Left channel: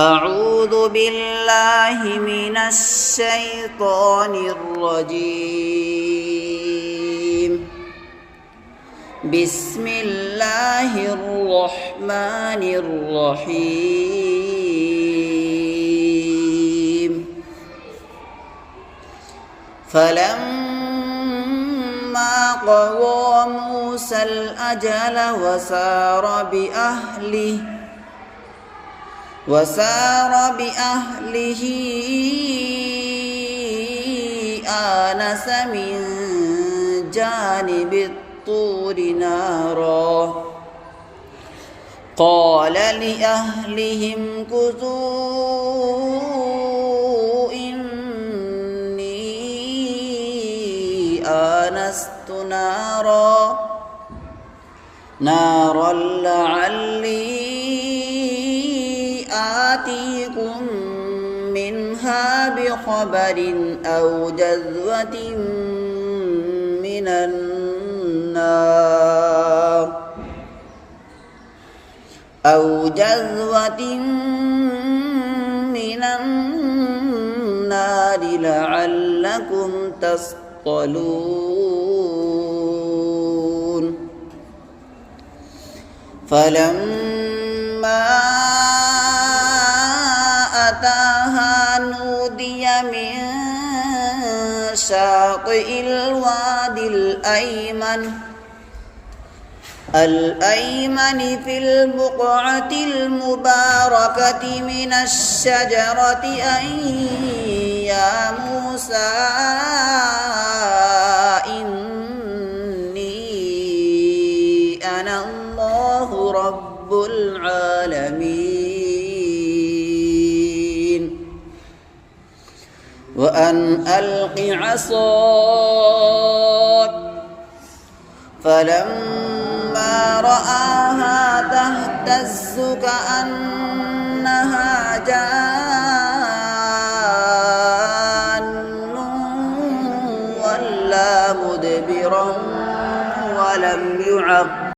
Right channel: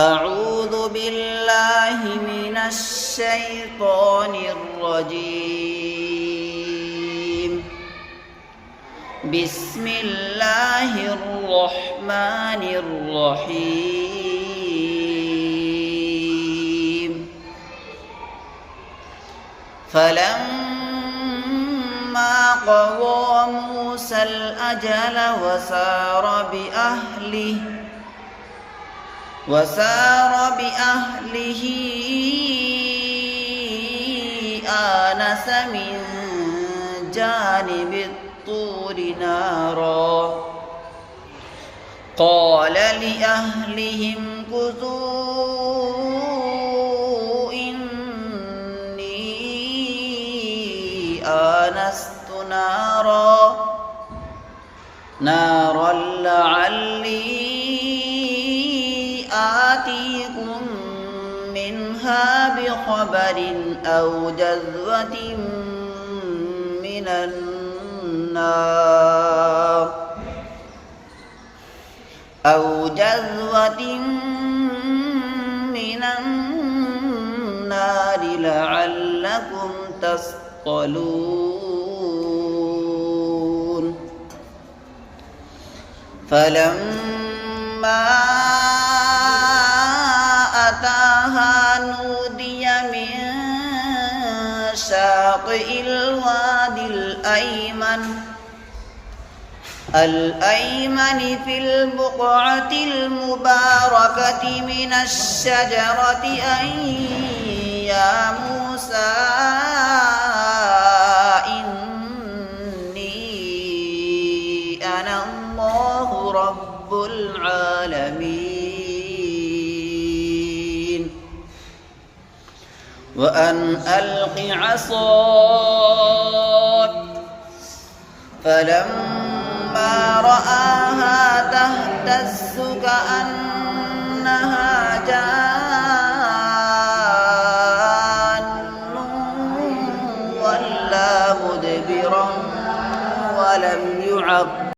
أعوذ بالله من الشيطان الرجيم. بسم الله الرحمن الرحيم. فلما قضى موسى الأجل وسار بأهله آنس من جانب الطور نارا قال لأهلهم كثوا إني آنست نارا لعلي آتيكم منها بخبر أو جذوة من النار لعلكم تصطلون. فلما أتاها نودي من شاطئ الوادي الأيمن في البقعة المباركة من الشجرة أن يا موسى إني أنا الله رب العالمين وأن ألق عصاك. فلما رآها تهتز كأنها جان ولا مدبرا ولم يعقب